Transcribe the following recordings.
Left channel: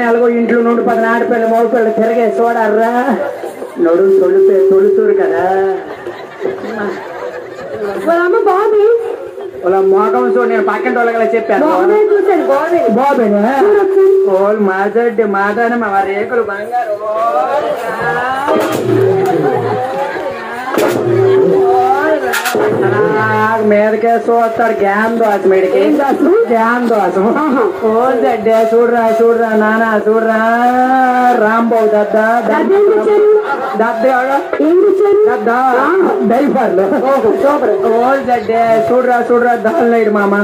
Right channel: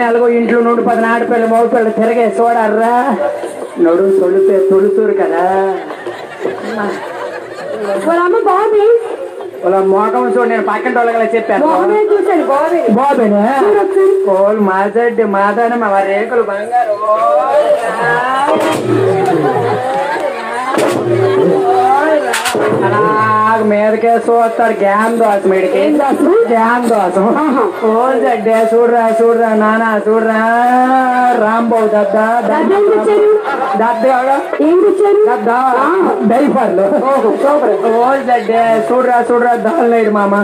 నెలగో ఇంట్లో నుండి 10 ఆడపిల్ల మగపిల్ల తిరిగే చూడర్రా నడు తొలుసూరు కదా అమ్మ బాబీ వాళ్ళ మోకం చూడు నేను పక్కన వాళ్ళ చెప్పాను బాబేనే ఓళ్ళు మాజడ్డి మాదాన మా రేకులు బంగారు మీదకే చూస్తాడు జ్ఞాన్ దోశ మీడికి జ్ఞాన్ దోశం ఓల్ జడ్డే చూడరా నానా చూడరా రాంబాబు డైఫర్లు ఓల్ జడ్డే చూడరా దాల్నాయుడు మామ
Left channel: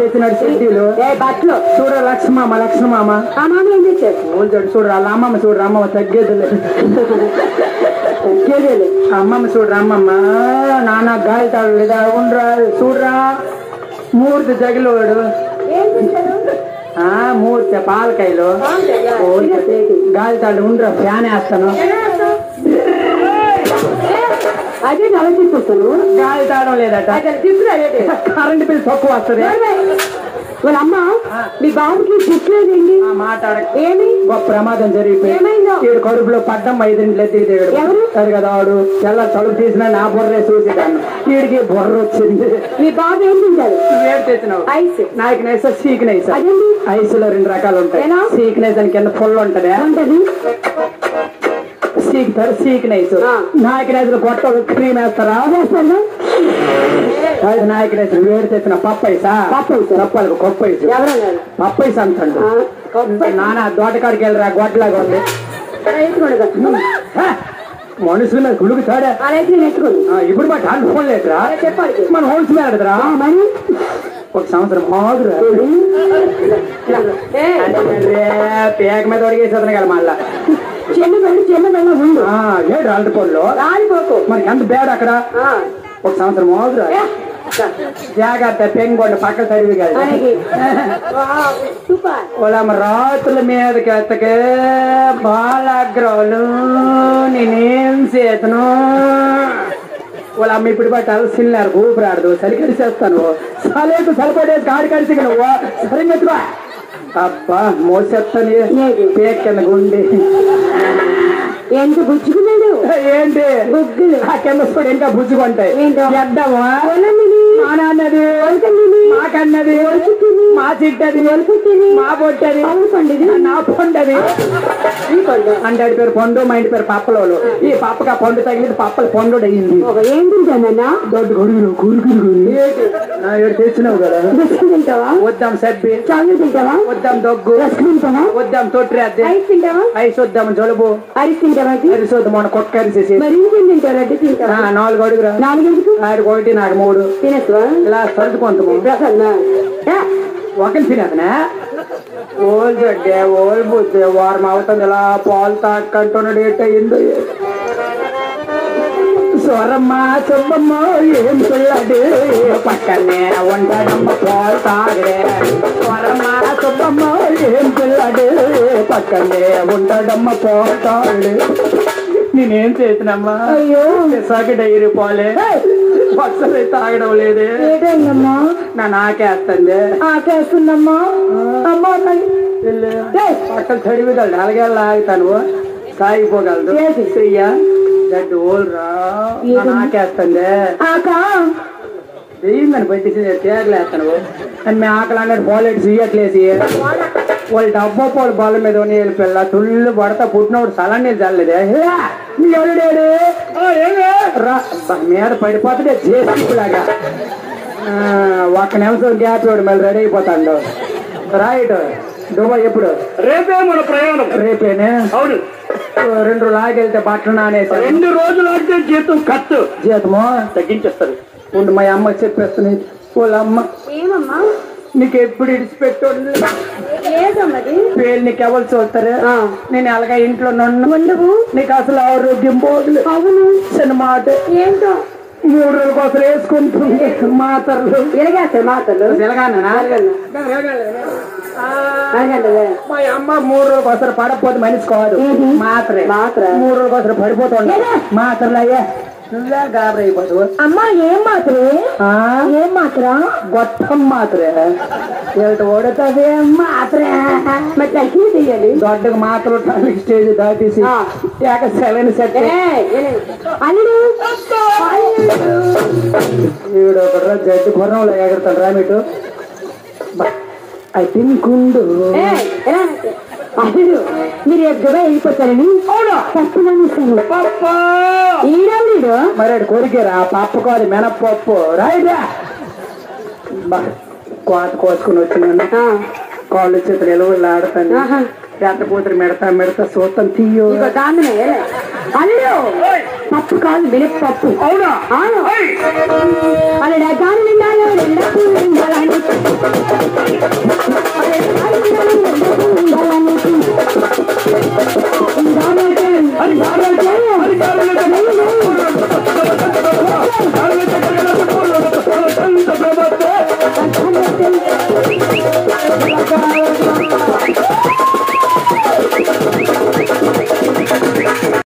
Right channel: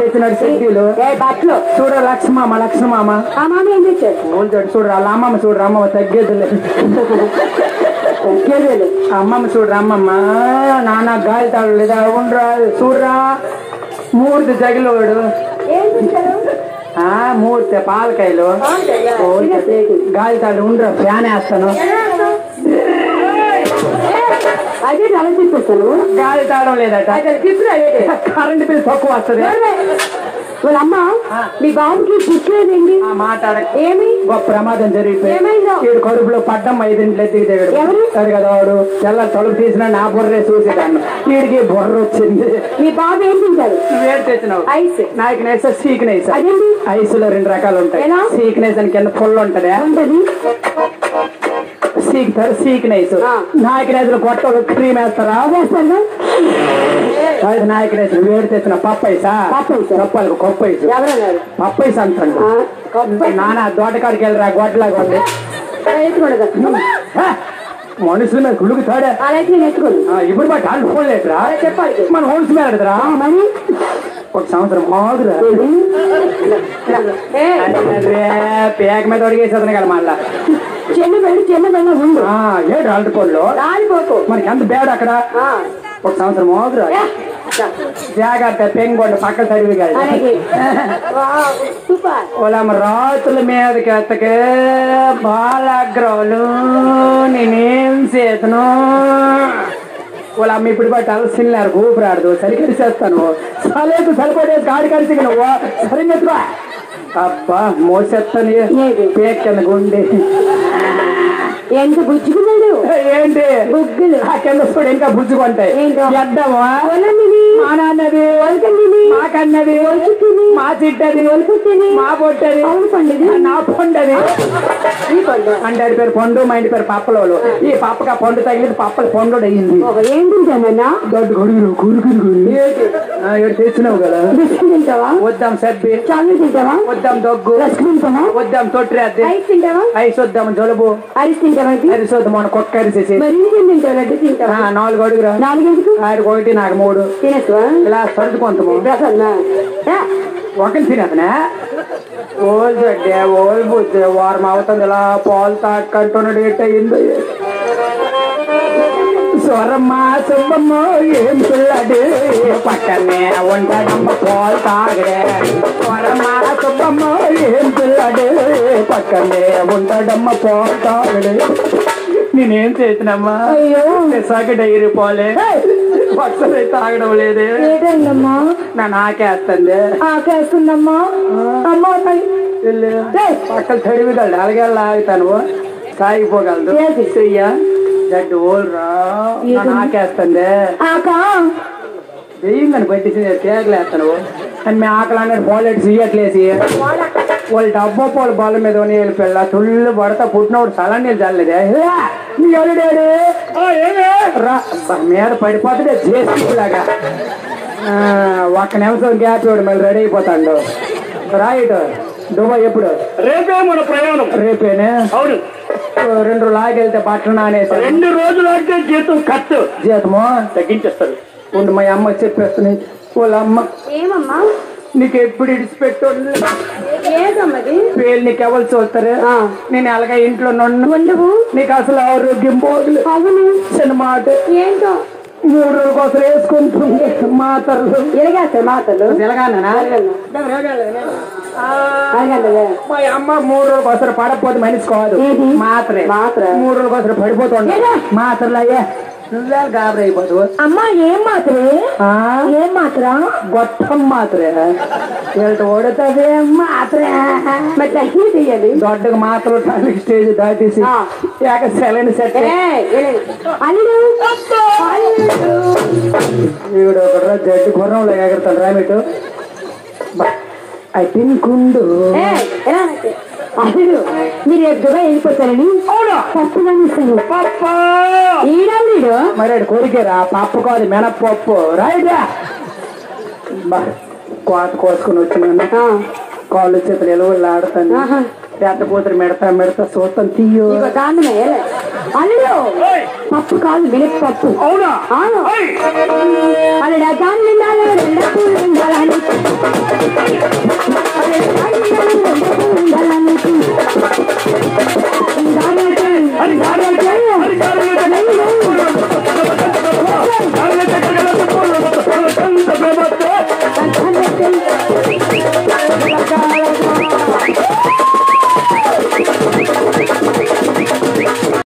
తెచ్చినాడు సిటీలు బట్టలు చూడరా లక్ష్మమామ ఓల్ జడ్డు చూడరా వాళ్ళ అమ్మమ్మ చూడరా అమ్మమ్మ తగ్గేది అమ్మమ్మ చూడరా అమ్మమ్మ నాన్న గాలి తాడు ఉండరా చూడరా మూర్తి జగిలోడు మూర్తి పాలకాయలు గాలి తాడు ఉండరా ఫ్యాన్ వేస్తాను అదే అలా తీసుకొస్తాను గాలి తాడం లేదట కరెంట్ బిల్ తక్కువ వస్తుంది వాళ్ళ అమ్మ మీ బాబుకి పుట్టలేదండి మాట్లాడ ఏమి గొప్ప ప్రమాదం జరిగిపోయింది ఈడు కడుపులో పడ్డం 5 ఇంట్లో ఎత్తికి సరే కదా వాడు తెల్ల తలుపు తీసినా నా బుర్రే చూసేదాన్ని వీడికి బుర్ర వచ్చింది మీ బాబు ఏం తింటారు వేరు తెచ్చినావు ఐస్ నాయకునేసా సీక్నైస్ అదేంటి ఐస్ లో 2 రకాలు ఉంటాయి సీక్నైస్ అని కింద ఫుల్ ఉంటది ఉంటది సీక్నైస్ నాయకునేస్ లో కొత్త క్రీమ్ వేస్తారా వేస్తాను నాయకునేస్ వేడి తెచ్చిన పప్పైసా రప్పలకు కొప్పైసు ఎవరన్నారు పప్పైస అంటాడు నాన్న తోటకాడికి వెళ్ళరా గొడ్లాగా ఉంది మనుషులు కుడుకుతాడా ఇప్పుడు మా కాళ్ళు ఫోన్ లేదురా చెప్పాలి మన హోల్స్ మేడరా మరి ఒక సంవత్సరం మాదురా పేక మీద అడిగేసేదన కదా మళ్ళా చిన్నదల్లా ఉండు ఏడు అల్టిపోల్లో రాలిపోకు మరి ఎంత బేడ అక్కడ ఒక సంవత్సరం మాదురా జాగ్రత్త పెంగొండ పక్క సరివి కాదు వాళ్ళమ్మ రాతుల మీదకి ఎత్తకే బాలాగ్రహులు నేనేం చేతను వాళ్ళమ్మ ఇప్పుడు బట్టి అలసిన్నారు ఊపిరాడదు సరికరిసేస్తాను సలేకు సరిపడేసి కాడి కలిసి నువ్వు సరిగ్గా అబ్బా మోసేస్తాను పేకన్న గుండె ఎంత బుజ్జుకున్నాడు ఏంటి బుగ్గులు ఆ కింద చూడు ఇంకా బుజ్జుకుంటాయి ఎడ్డమా మా నాన్నది మా కన్నది మా చిట్టది మా పొట్టది పండుది నా పండది అంటే పేరు పండు మా ఇంటి పేరు పప్పలోలు ఈ పప్పగా పండు తగిలింది పప్పలు పండు అయ్యింది ఏం తింటానన్నా దొడ్డు గురుగురు తెచ్చినావు కదా తింటావా వద్దాం సబ్బి చాలు తింటావా వద్దాం దగ్గు తింటావా వద్దాం తొట్టి ఐస్ తింటావా ఐస్ వద్దాం జలుబు అరిసి తింటావా అరిసొద్దు మన కుక్క అరిసేసి తింటావు లడ్డు తింటావా 4 అడుగురా 4 ఎందుకు ఆడికి 1 నాకు 3 తినేస్తావా ఇలా సర్దుకుంటాము ఒకటి తినేతనే ఓల్ జడ్డే ఓల్ బుద్ధి వారం అవుతుంది ఇలా పాలు తాకంటున్నాడు ఏంటయింది స్వరమ్మ సుబ్బమ్మ ఏం పిల్లడే పక్కనే ఉంటాడమ్మ పాలు తాగడే స్వరమ్మ సుబ్బమ్మ ఏం పిల్లడే పక్కనే ఉంటాడమ్మ పాలు తాగడే నేనేం చేసినమ్మా అయ్యో సాకి డైరీ పోలే పక్కనే తాగడం లేదే ఏదైందమ్మా నాకేస్తుంది ఆకేస్తుందమ్మా అమ్మా పక్కన తడివిగలడు అలాగే ఆగుతాను సాగిపోగలదు శ్రీయ జడ్డు ఓల్రా నాకేస్తుంది దెయ్యంగాని పెట్టేసి తేగలేస్తాను మేము ఆకలి అన్నట్టు పోలేడు సీయట్లేసి వాళ్ళు డబ్బా పోలు బాల మీద వెళ్ళిపోయా తుళ్ళు పడతా పుట్టినోడు సలా నీళ్ళు చల్లలేదే మీద పడిపోతే జేసీలాగా 1 నిమిషం గ్యాప్ ఇవ్వడు మళ్ళీ రెడీ అయిపోతాడు రైట్ దుబాయ్ ఎప్పుడు రేపే మన ప్రయాణం రేపేనే అవును 2 రోజులు ఆగెళ్తే బట్టలు నానేసి 2 రోజులు ఆగితే జీతం ఖర్చు జీతము తగ్గించేస్తారు ఉండు మా అమ్మ చెప్పేస్తున్నాయి వాళ్ళ అమ్మ ఏమమ్మా నీకు ఎప్పుడు ఇడిచిపెట్టు పేరు నీకు ఎవరు చూస్తారే నేను అలాగే ఇంట్లో ఉండవు నీకు అసలు ఆరోగ్యం పోదు అవును సినిమాట ఏంటో 3 రోజుల కోసం వేసుకుంటుంది మాతర్లు ఎలాగేస్తారు మాటలు తెలంగాణ మా అమ్మ 3 రోజుల కోసం పడకపోతే మనిషి కాదు మాత్రే 3 రోజుల కోసం పడిపోతుంది మాత్రలు అయ్యా నువ్వే గాబర్ అయిపోదు. అమ్మా ఏం మాత్రే ఏం మాత్ర గొట్టం మాత్రే ఓడుతుంది మాత్రే మరి తగ్గి తీయాలి దొడ్డకు మాత్రం టానిక్ స్టేజ్ దాటేసి సెలైన్ సెట్ వీడు ఒకటి జడ్డు గుర్రంలో ఎగడతాడు రా మీటు ఐ థింక్ ఉండు అసలు మీరు ఎక్కువగా వెళ్ళిపోతారని తప్పుగా ఈడీడు మరి కొరికేరా పప్పు కాదు మినప్పప్పు రైడా కోత కోసుకుని వచ్చినాను కాళ్ళు చెప్పి ఎలుగులు ఆడతాను ఎట్ట కూతురు మెడతా చూస్తాను తీయో దాన్ని అల్లు పప్పు కాదు మినప్ పప్పు అవునా అల్లుడా దాన్ని